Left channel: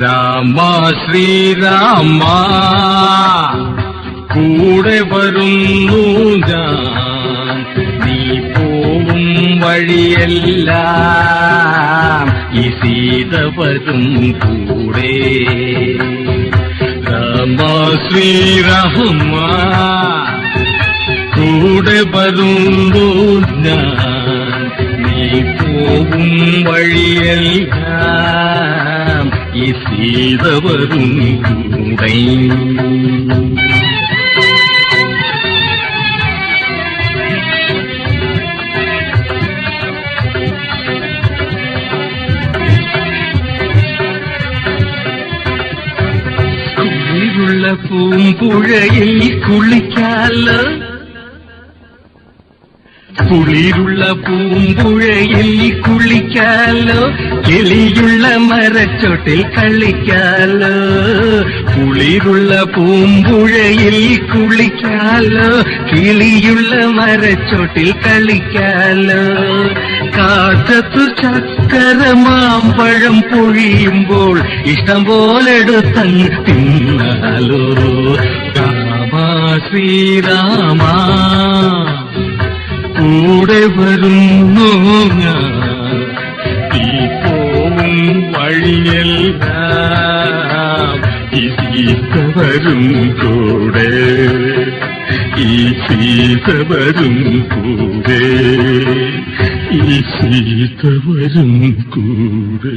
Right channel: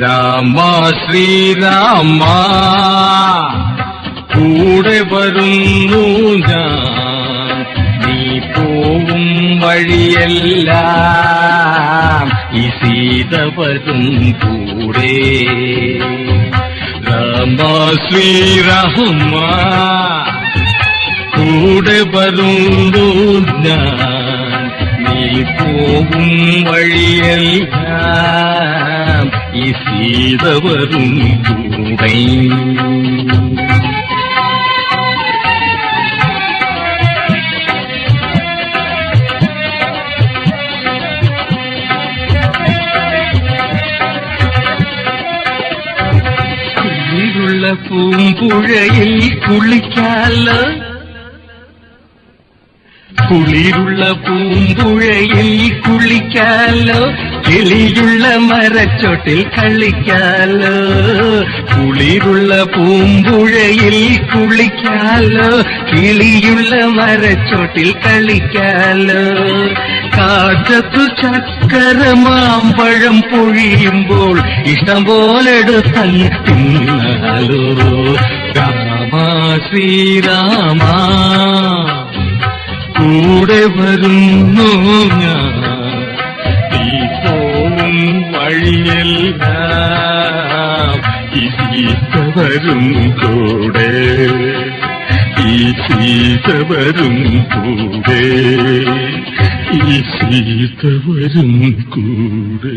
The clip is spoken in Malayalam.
രാമ ശ്രീരാമ കൂടെ വരുന്നു ഞാൻ. നീ പോവും വഴിയല്ല. ഈ സീത കൂടെ. രാമ ശ്രീരാമ കൂടെ വരുന്നു ഞാൻ. നീ പോകും വഴിയെല്ലാം ഈ സീത വരും കൂടെ കുളിരുള്ള പൂമ്പുഴയിൽ കുളിക്കാല? കിളിയുള്ള മരച്ചോട്ടിൽ കളിക്കാലോ? കുളിരുള്ള പൂമ്പുഴയിൽ കുളിക്കാലോ? കിളിയുള്ള മരച്ചോട്ടിൽ കളിക്കാലോ? കാക്കത്തു ചക്കര മാമ്പഴം പൊഴിയുമ്പോൾ ഇഷ്ടം പോലെ തിന്നാലോ? രാമ ശ്രീരാമ കൂടെ വരുന്നു ഞാൻ. ഈ പോവും വഴിയെല്ലാം കൂടെ. ഈ സീത വരും കൂടെ. ഈ സീത വരും കൂടെ.